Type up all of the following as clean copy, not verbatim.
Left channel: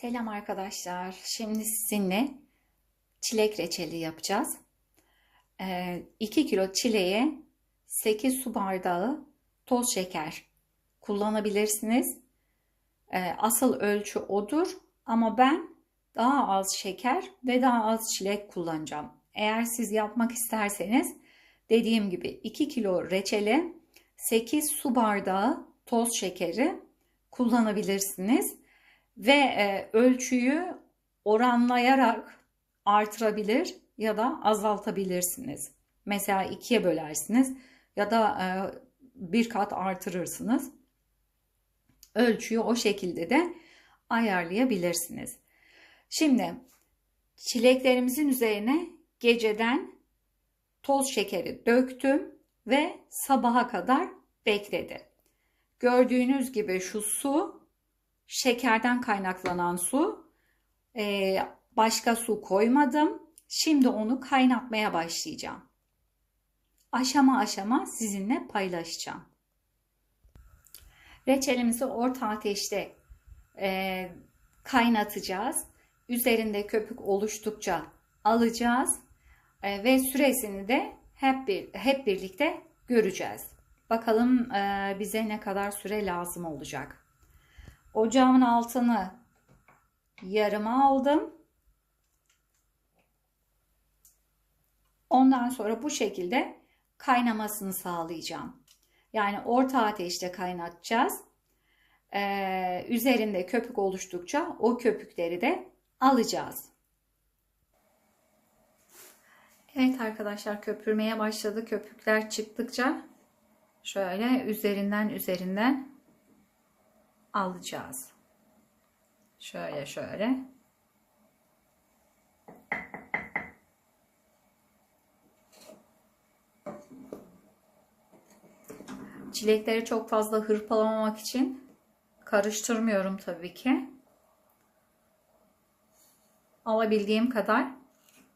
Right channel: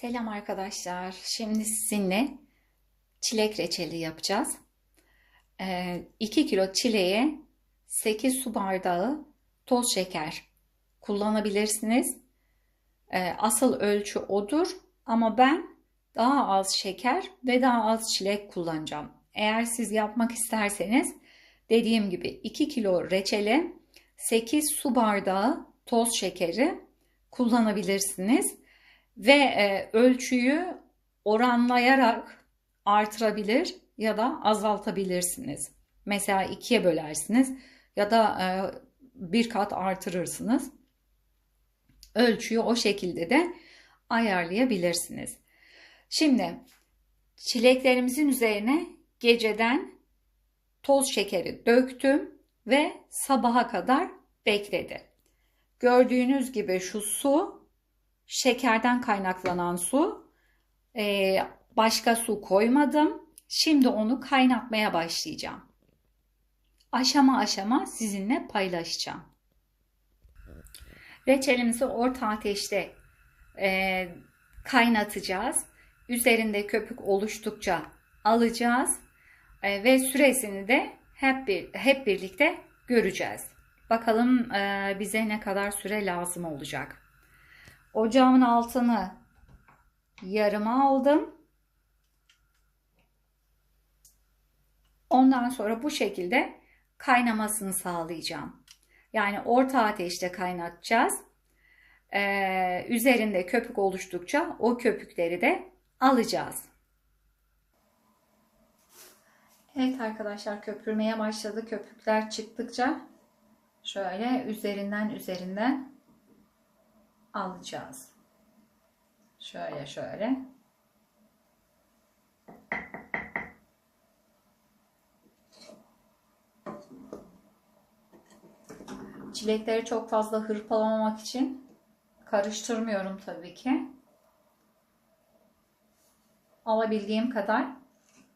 Selam arkadaşlar. Şimdi sizinle çilek reçeli yapacağız. 2 kilo çileğe 8 su bardağı toz şeker kullanabilirsiniz. Asıl ölçü odur ama ben daha az şeker ve daha az çilek kullanacağım. Eğer siz yapmak isterseniz dediğim gibi 2 kilo reçele 8 su bardağı toz şekeri kullanabilirsiniz. Ve ölçüyü oranlayarak artırabilir ya da azaltabilirsiniz. Mesela ikiye bölersiniz ya da bir kat artırırsınız. Ölçüyü o şekilde de ayarlayabilirsiniz. Şimdi çileklerimizin üzerine geceden toz şekeri döktüm ve sabaha kadar bekledi. Gördüğünüz gibi şu su şekerden kaynaklanan su. Başka su koymadım. Şimdi onu kaynatmaya başlayacağım. Aşama aşama sizinle paylaşacağım. Reçelimizi orta ateşte kaynatacağız. Üzerinde köpük oluştukça alacağız. Ve süresini de hep birlikte göreceğiz. Bakalım bize ne kadar süre lazım olacak. Ocağımın altını yarıma aldım. Ondan sonra bu şekilde kaynamasını sağlayacağım. Yani orta ateşte kaynatacağız. Üzerinde köpük oluştukça o köpükleri de alacağız. Evet arkadaşlar, köpürmeye başladı. Köpükler çıktıkça şöyle üzerinden alacağız. Şöyle. Çilekleri çok fazla hırpalamamak için karıştırmıyorum tabii ki. Alabildiğim kadar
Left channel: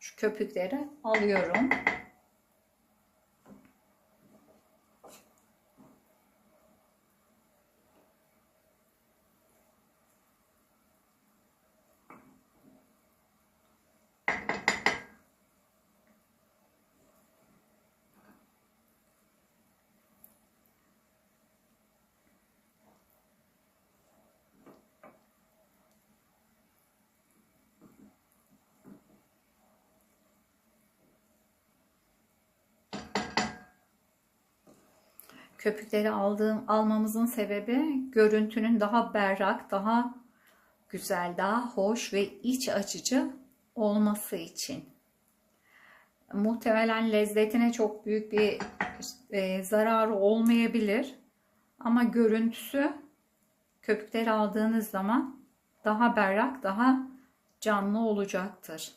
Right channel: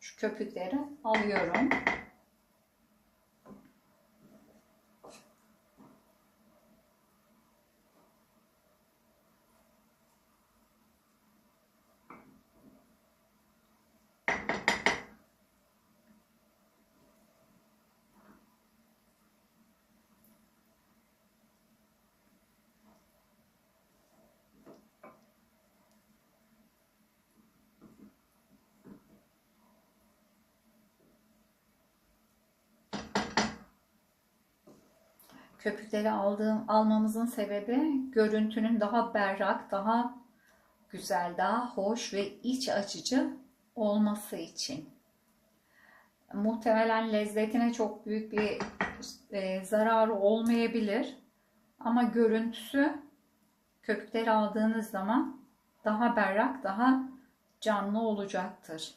şu köpükleri alıyorum. Köpükleri almamızın sebebi görüntünün daha berrak, daha güzel, daha hoş ve iç açıcı olması için. Muhtemelen lezzetine çok büyük bir zararı olmayabilir. Ama görüntüsü köpükleri aldığınız zaman daha berrak, daha canlı olacaktır.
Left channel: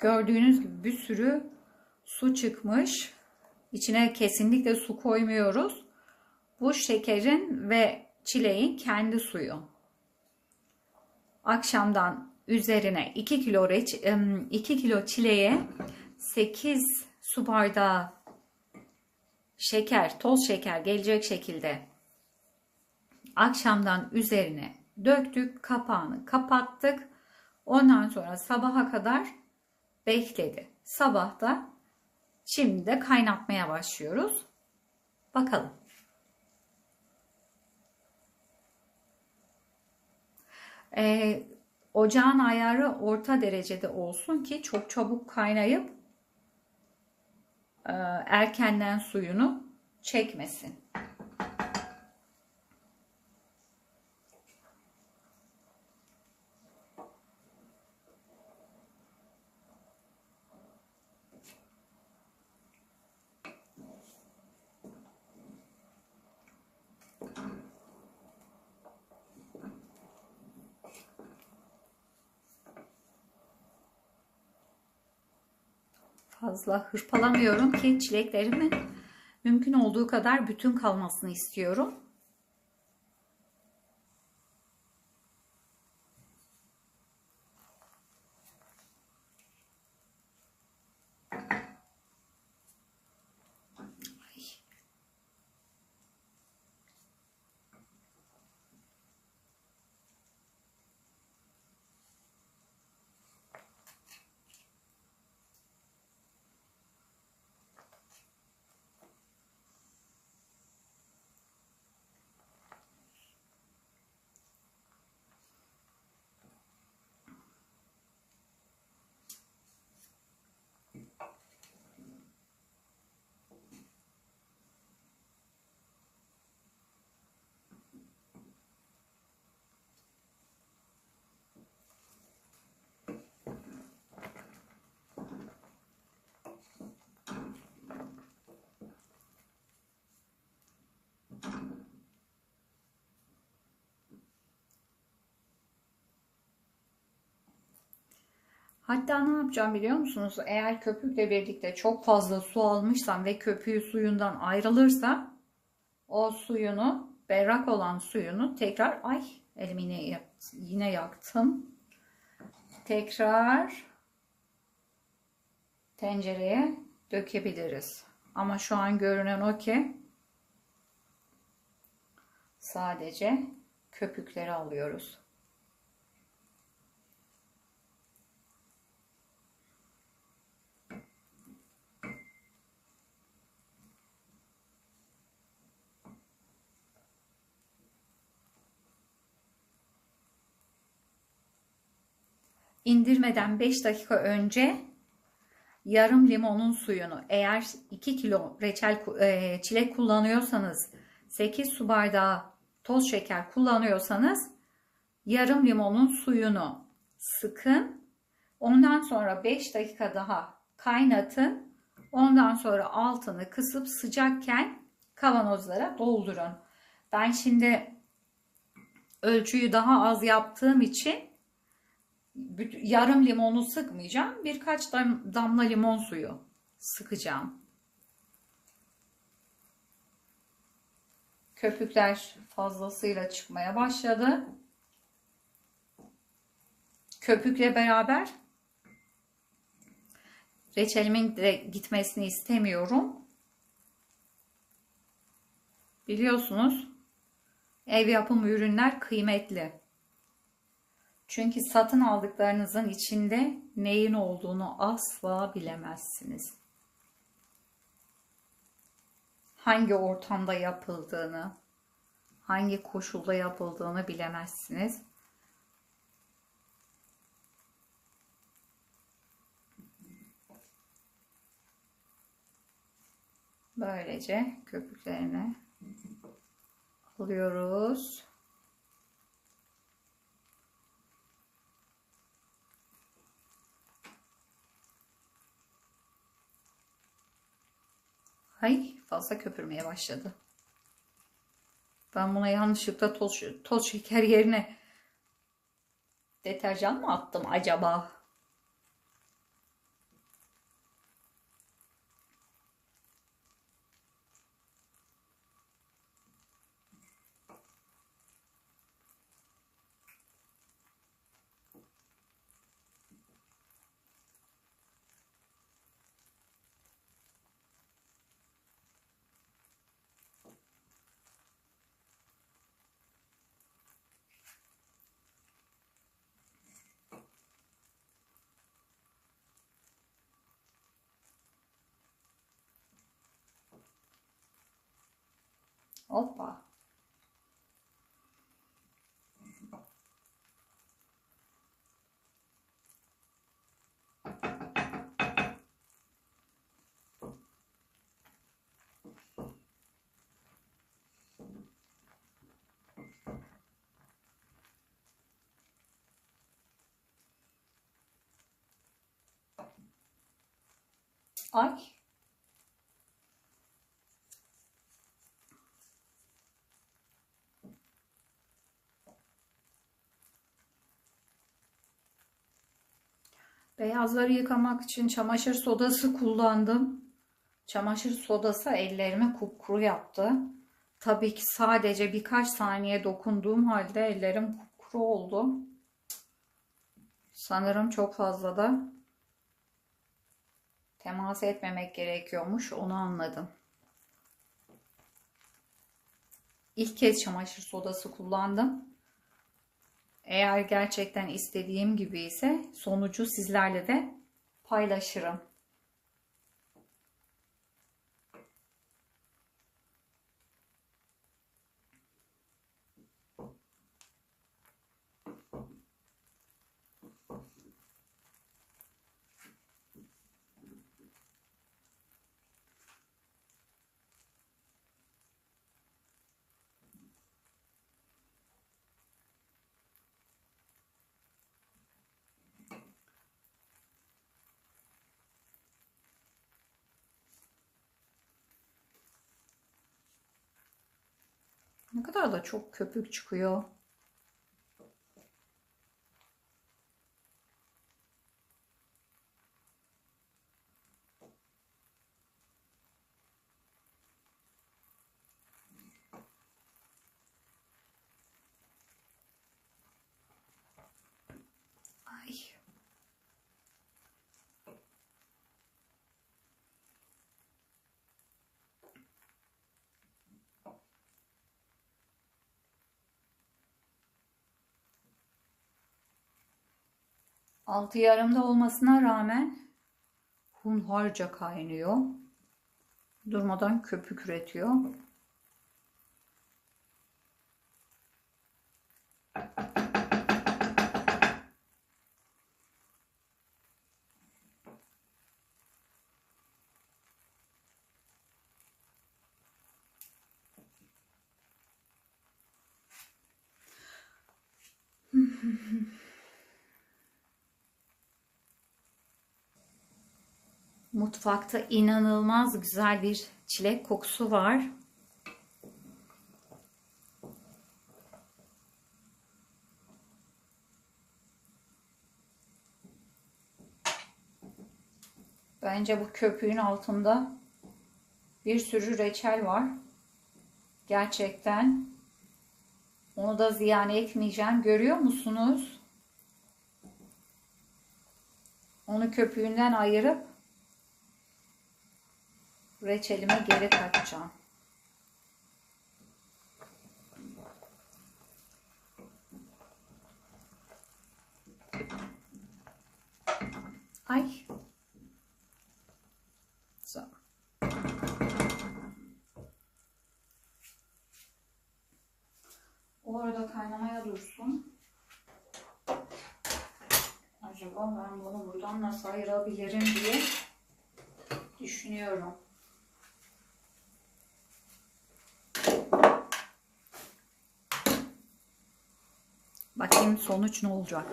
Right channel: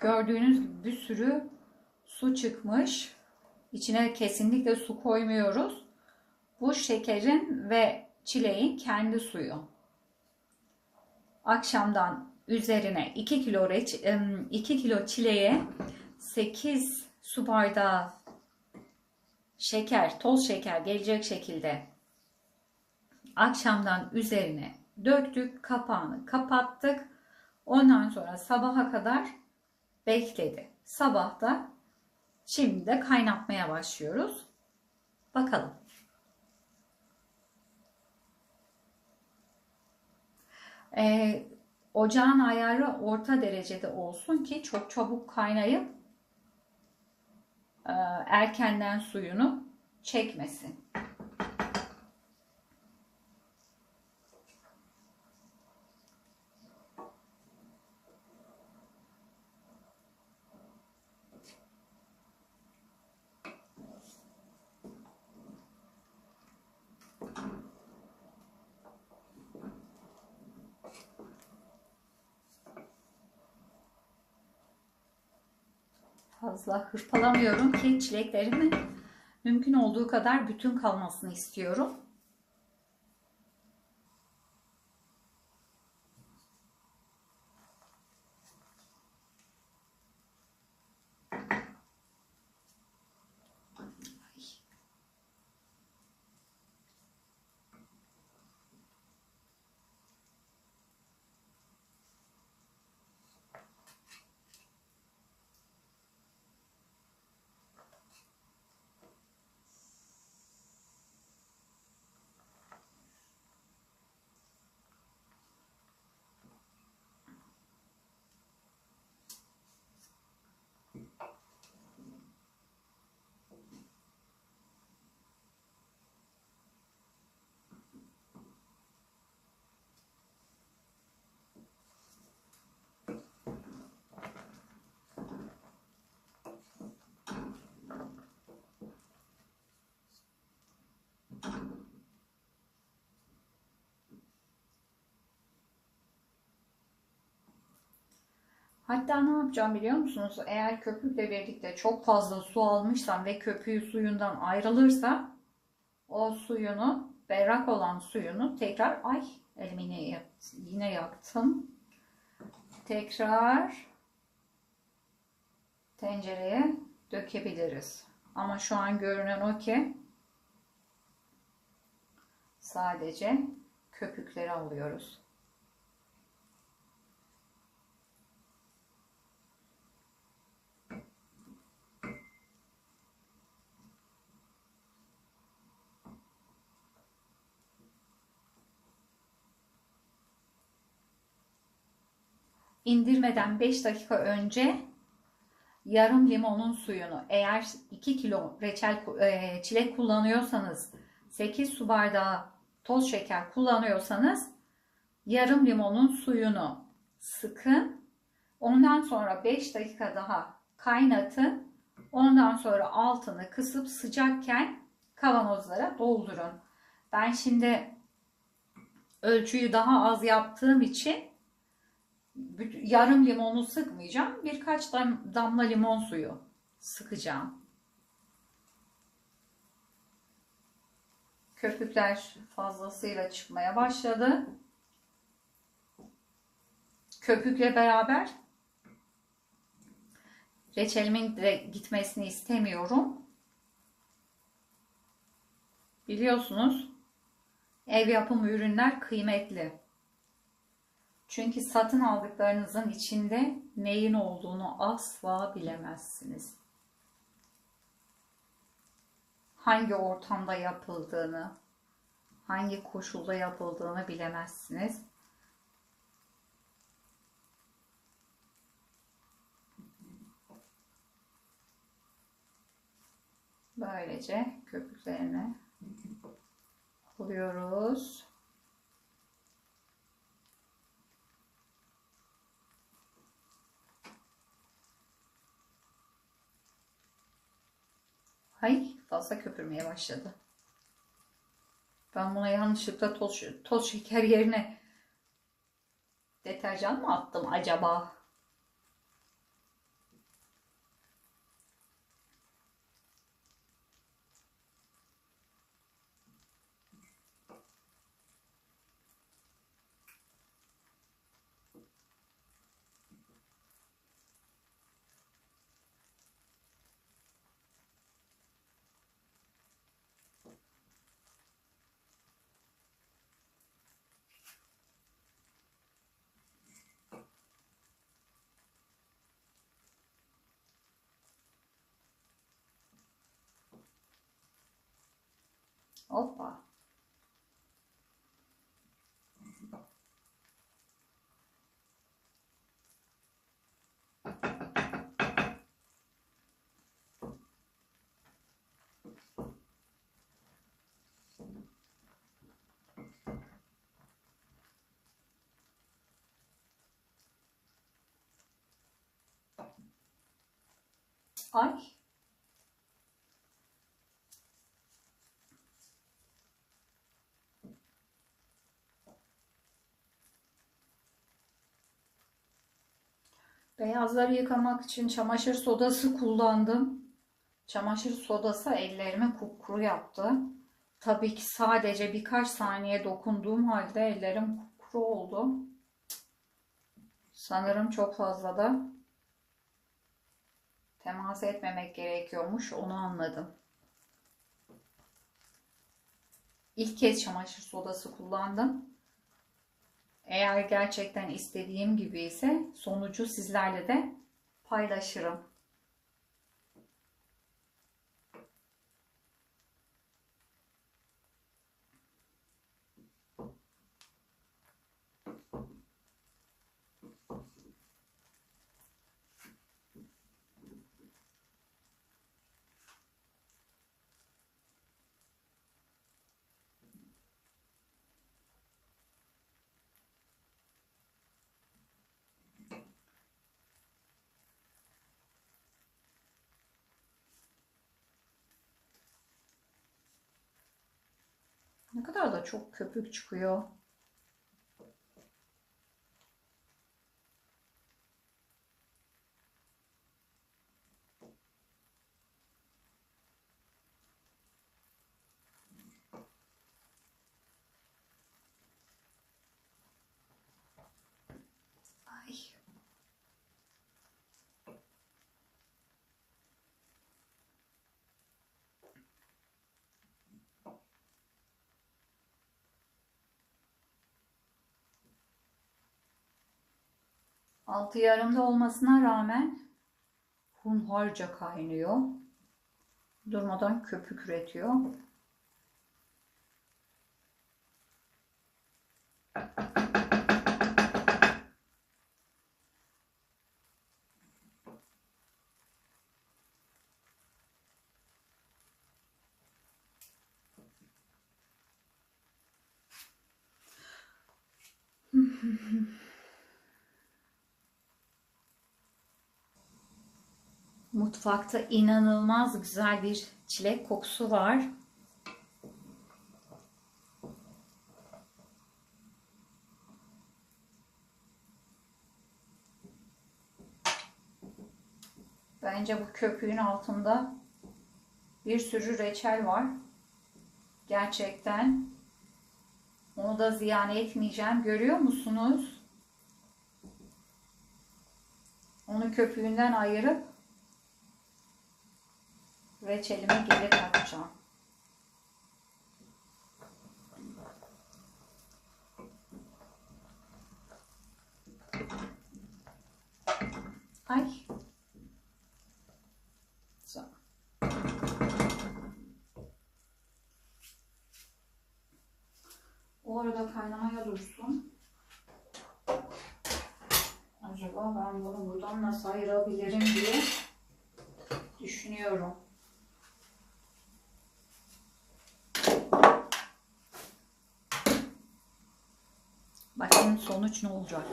Gördüğünüz gibi bir sürü su çıkmış. İçine kesinlikle su koymuyoruz. Bu şekerin ve çileğin kendi suyu. Akşamdan üzerine 2 kilo çileğe 8 su bardağı şeker, toz şeker gelecek şekilde akşamdan üzerine döktük, kapağını kapattık. Ondan sonra sabaha kadar bekledi. Sabah da şimdi de kaynatmaya başlıyoruz. Bakalım. Ocağın ayarı orta derecede olsun ki çok çabuk kaynayıp erkenden suyunu çekmesin. Fazla hırpalamıyorum ki çileklerimin mümkün olduğu kadar bütün kalmasını istiyorum. Hatta ne yapacağım biliyor musunuz? Eğer köpükle birlikte çok fazla su almışsam ve köpüğü suyundan ayrılırsa o suyunu, berrak olan suyunu tekrar, ay elimi yine yaktım. Tekrar tencereye dökebiliriz. Ama şu an görünen o ki sadece köpükleri alıyoruz. İndirmeden 5 dakika önce yarım limonun suyunu, eğer 2 kilo çilek kullanıyorsanız, 8 su bardağı toz şeker kullanıyorsanız yarım limonun suyunu sıkın. Ondan sonra 5 dakika daha kaynatın. Ondan sonra altını kısıp sıcakken kavanozlara doldurun. Ben şimdi ölçüyü daha az yaptığım için yarım limonu sıkmayacağım. Birkaç damla limon suyu sıkacağım. Köpükler fazlasıyla çıkmaya başladı. Köpükle beraber reçelimin de gitmesini istemiyorum. Biliyorsunuz, ev yapımı ürünler kıymetli. Çünkü satın aldıklarınızın içinde neyin olduğunu asla bilemezsiniz. Hangi ortamda yapıldığını, hangi koşulda yapıldığını bilemezsiniz. Böylece köpüklerini alıyoruz. Ay, fazla köpürmeye başladı. Ben buna yanlışlıkla toz şeker yerine deterjan mı attım acaba? Hoppa. Ay. Beyazları yıkamak için çamaşır sodası kullandım. Çamaşır sodası ellerimi kupkuru yaptı. Tabii ki sadece birkaç saniye dokunduğum halde ellerim kupkuru oldu. Sanırım çok fazla da temas etmemek gerekiyormuş, onu anladım. İlk kez çamaşır sodası kullandım. Eğer gerçekten istediğim gibi ise sonucu sizlerle de paylaşırım. Ne kadar da çok köpük çıkıyor. Altı yarımda olmasına rağmen hunharca kaynıyor. Durmadan köpük üretiyor. Mutfakta inanılmaz güzel bir çilek kokusu var. Bence bu köpüğün altında bir sürü reçel var. Gerçekten onu da ziyan etmeyeceğim. Görüyor musunuz? Onu köpüğünden ayırıp reçelime geri takacağım. Ay. So. Orada kaynamaya dursun. Acaba ben bunu buradan nasıl ayırabilirim diye düşünüyorum. Bakayım sonuç ne olacak.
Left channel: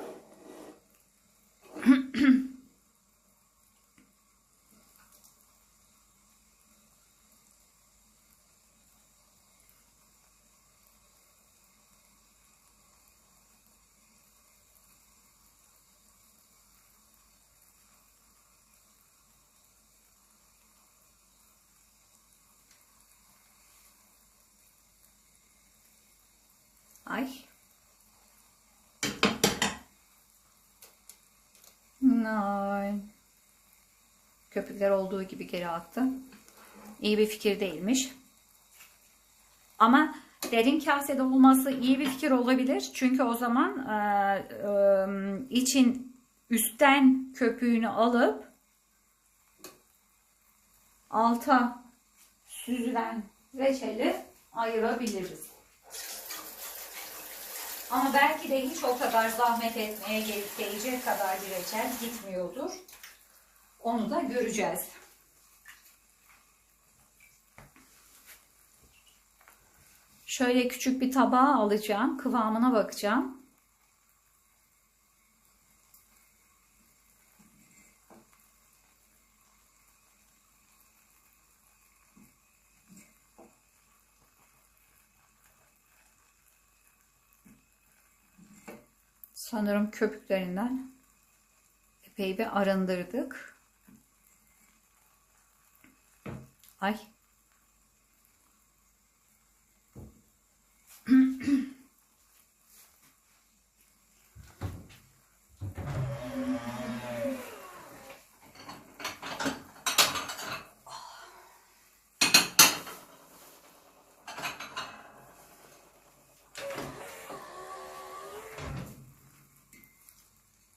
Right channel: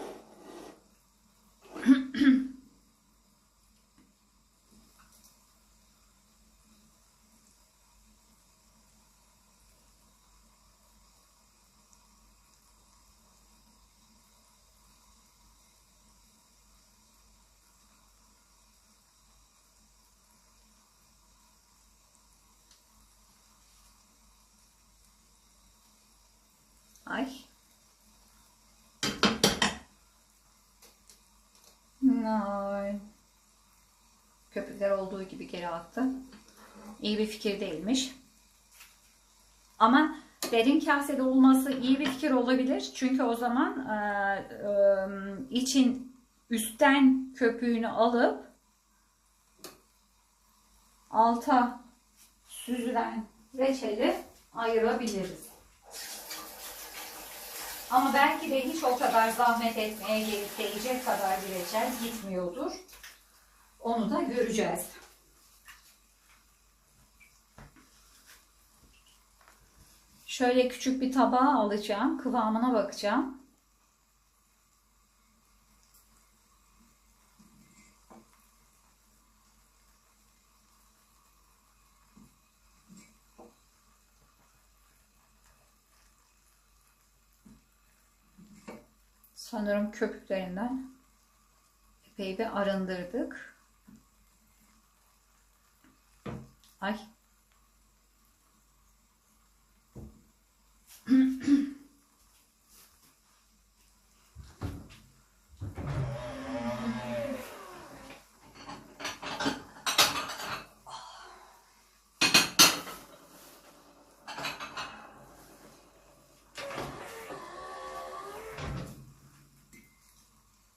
Ay. Ay. Köpükler olduğu gibi geri aktı. İyi bir fikir değilmiş. Ama derin kasede olması iyi bir fikir olabilir. Çünkü o zaman için üstten köpüğünü alıp alta süzülen reçeli ayırabiliriz. Ama belki de hiç o kadar zahmet etmeye gelecek kadar bir reçel gitmiyordur. Onu da göreceğiz. Şöyle küçük bir tabağa alacağım. Kıvamına bakacağım. Sanırım köpüklerinden epey bir arındırdık. Ay.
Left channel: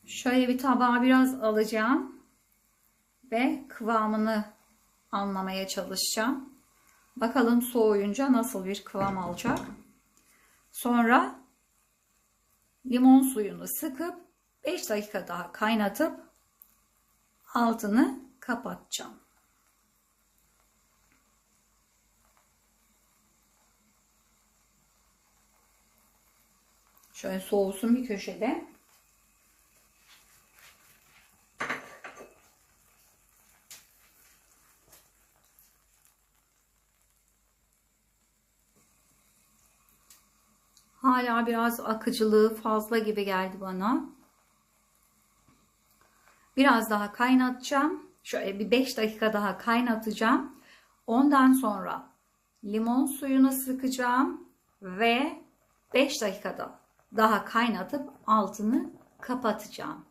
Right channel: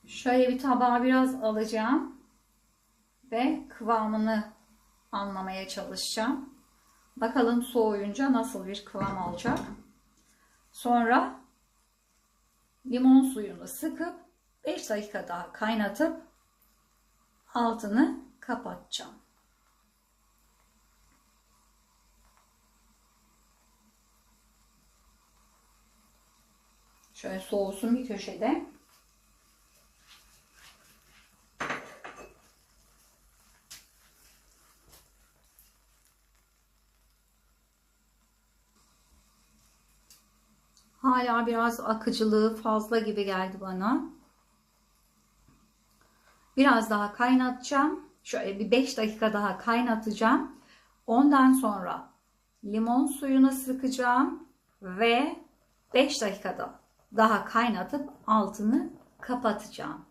Şöyle bir tabağa biraz alacağım ve kıvamını anlamaya çalışacağım. Bakalım soğuyunca nasıl bir kıvam alacak. Sonra limon suyunu sıkıp 5 dakika daha kaynatıp altını kapatacağım. Şöyle soğusun bir köşede. Hala biraz akıcılığı fazla gibi geldi bana. Biraz daha kaynatacağım. Şöyle bir 5 dakika daha kaynatacağım. Ondan sonra limon suyunu sıkacağım ve 5 dakikada daha kaynatıp altını kapatacağım.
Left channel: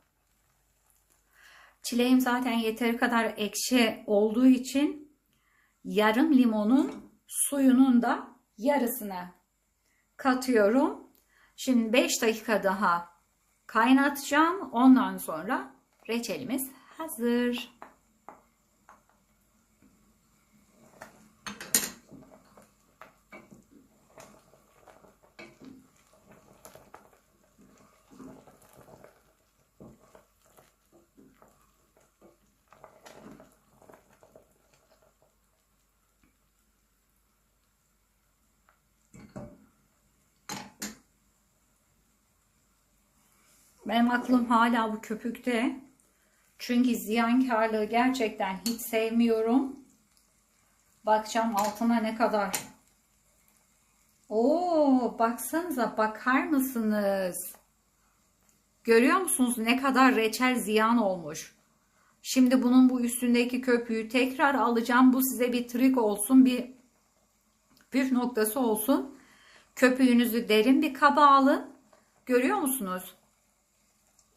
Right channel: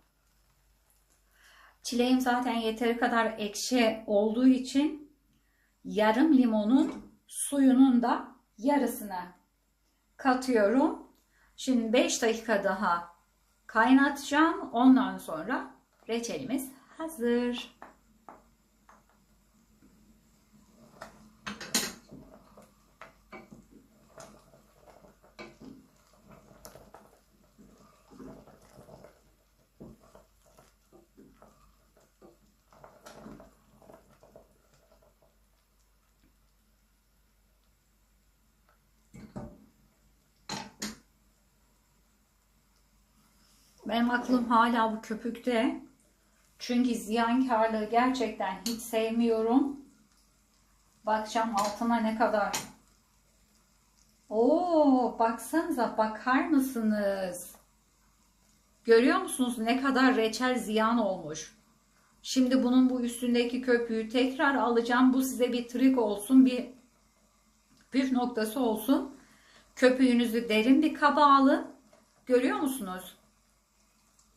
Çileğim zaten yeteri kadar ekşi olduğu için yarım limonun suyunun da yarısını katıyorum. Şimdi 5 dakika daha kaynatacağım. Ondan sonra reçelimiz hazır. Benim aklım hala bu köpükte. Çünkü ziyankarlığı gerçekten hiç sevmiyorum. Bakacağım altına ne kadar. Oo, baksanıza, bakar mısınız? Görüyor musunuz ne kadar reçel ziyan olmuş? Şimdi bunun bu üstündeki köpüğü tekrar alacağım. Bu size bir trik olsun, bir püf noktası olsun. Köpüğünüzü derin bir kaba alın. Görüyor musunuz?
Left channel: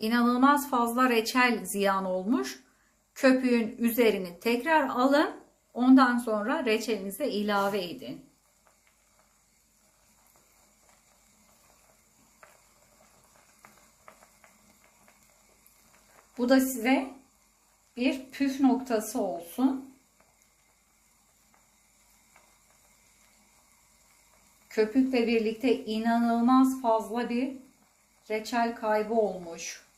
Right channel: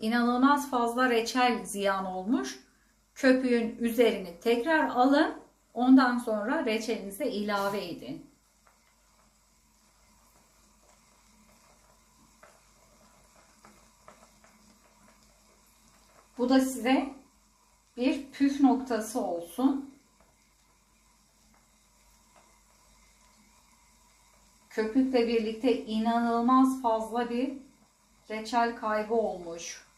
İnanılmaz fazla reçel ziyan olmuş. Köpüğün üzerini tekrar alın. Ondan sonra reçelinize ilave edin. Bu da size bir püf noktası olsun. Köpükle birlikte inanılmaz fazla bir reçel kaybı olmuş.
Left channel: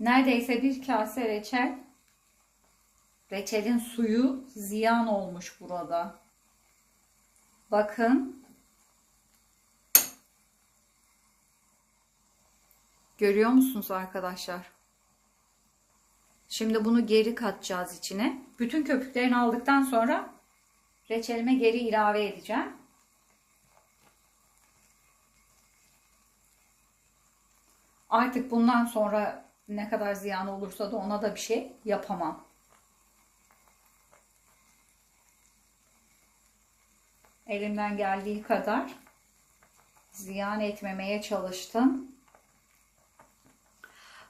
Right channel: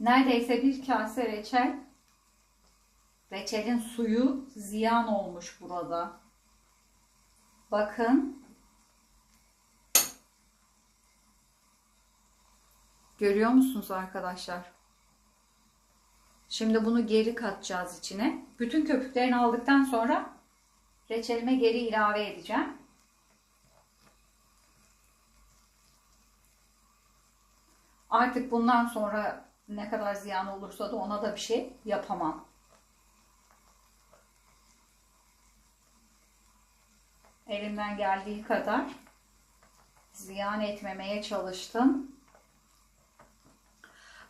Neredeyse bir kase reçel. Reçelin suyu ziyan olmuş burada. Bakın. Görüyor musunuz arkadaşlar? Şimdi bunu geri katacağız içine. Bütün köpüklerini aldıktan sonra reçelime geri ilave edeceğim. Artık bundan sonra ne kadar ziyan olursa da ona da bir şey yapamam. Elimden geldiği kadar ziyan etmemeye çalıştım.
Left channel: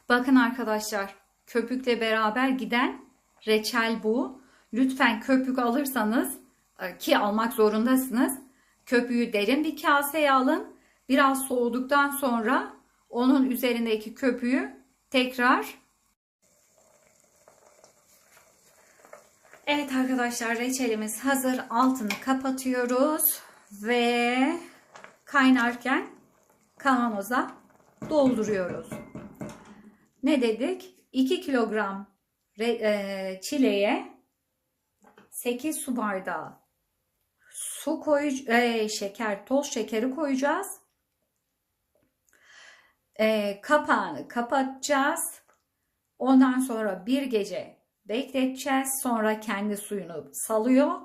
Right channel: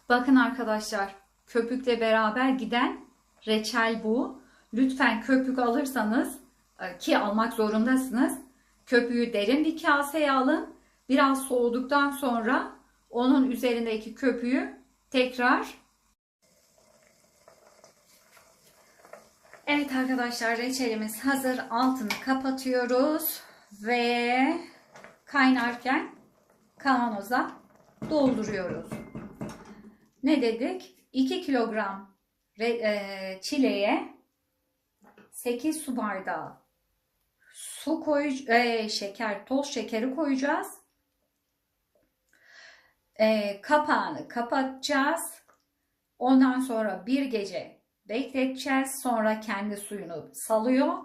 Bakın arkadaşlar, köpükle beraber giden reçel bu. Lütfen köpük alırsanız ki almak zorundasınız. Köpüğü derin bir kaseye alın. Biraz soğuduktan sonra onun üzerindeki köpüğü tekrar. Evet arkadaşlar, reçelimiz hazır. Altını kapatıyoruz ve kaynarken kavanoza dolduruyoruz. Ne dedik? 2 kilogram çileğe 8 su bardağı su toz şekeri koyacağız. Kapağını kapatacağız. Ondan sonra bir gece bekleteceğiz. Sonra kendi suyunu salıyor.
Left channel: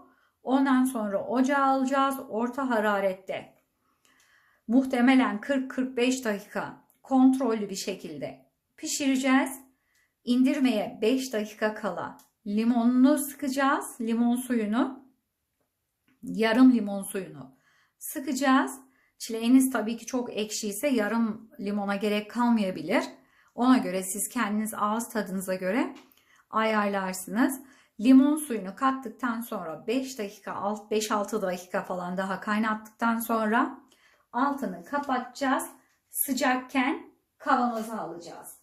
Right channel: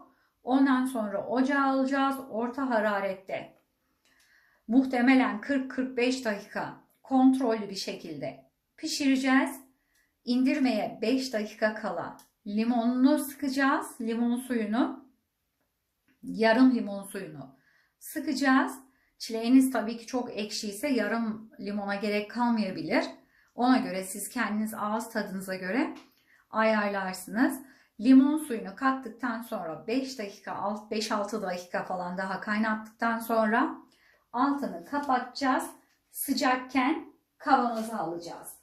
Ondan sonra ocağa alacağız. Orta hararette. Muhtemelen 40-45 dakika kontrollü bir şekilde pişireceğiz. İndirmeye 5 dakika kala limonunu sıkacağız. Limon suyunu, yarım limon suyunu sıkacağız. Çileğiniz tabii ki çok ekşiyse yarım limona gerek kalmayabilir. Ona göre siz kendiniz ağız tadınıza göre ayarlarsınız. Limon suyunu kattıktan sonra 5 dakika, 5-6 dakika falan daha kaynattıktan sonra altını kapatacağız. Sıcakken kavanoza alacağız.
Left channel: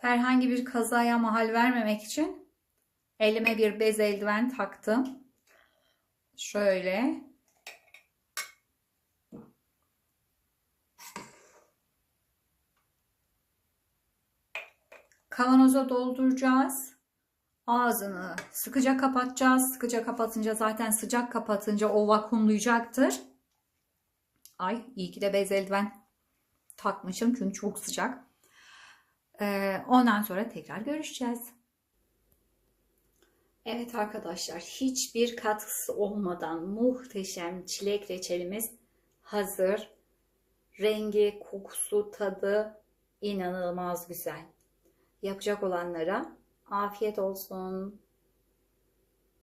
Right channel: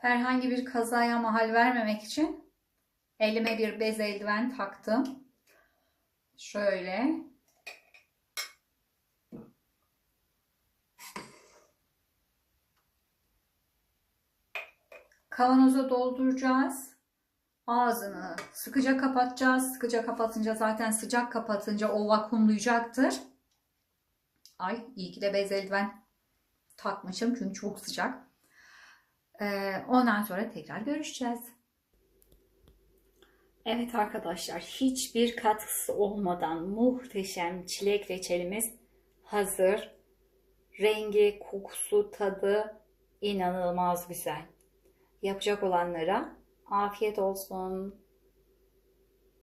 Herhangi bir kazaya mahal vermemek için elime bir bez eldiven taktım. Şöyle. Kavanoza dolduracağız. Ağzını sıkıca kapatacağız. Sıkıca kapatınca zaten sıcak kapatınca o vakumlayacaktır. Ay iyi ki de bez eldiven takmışım çünkü çok sıcak. Ondan sonra tekrar görüşeceğiz. Evet arkadaşlar, hiçbir katkısı olmadan muhteşem çilek reçelimiz hazır. Rengi, kokusu, tadı inanılmaz güzel. Yapacak olanlara afiyet olsun.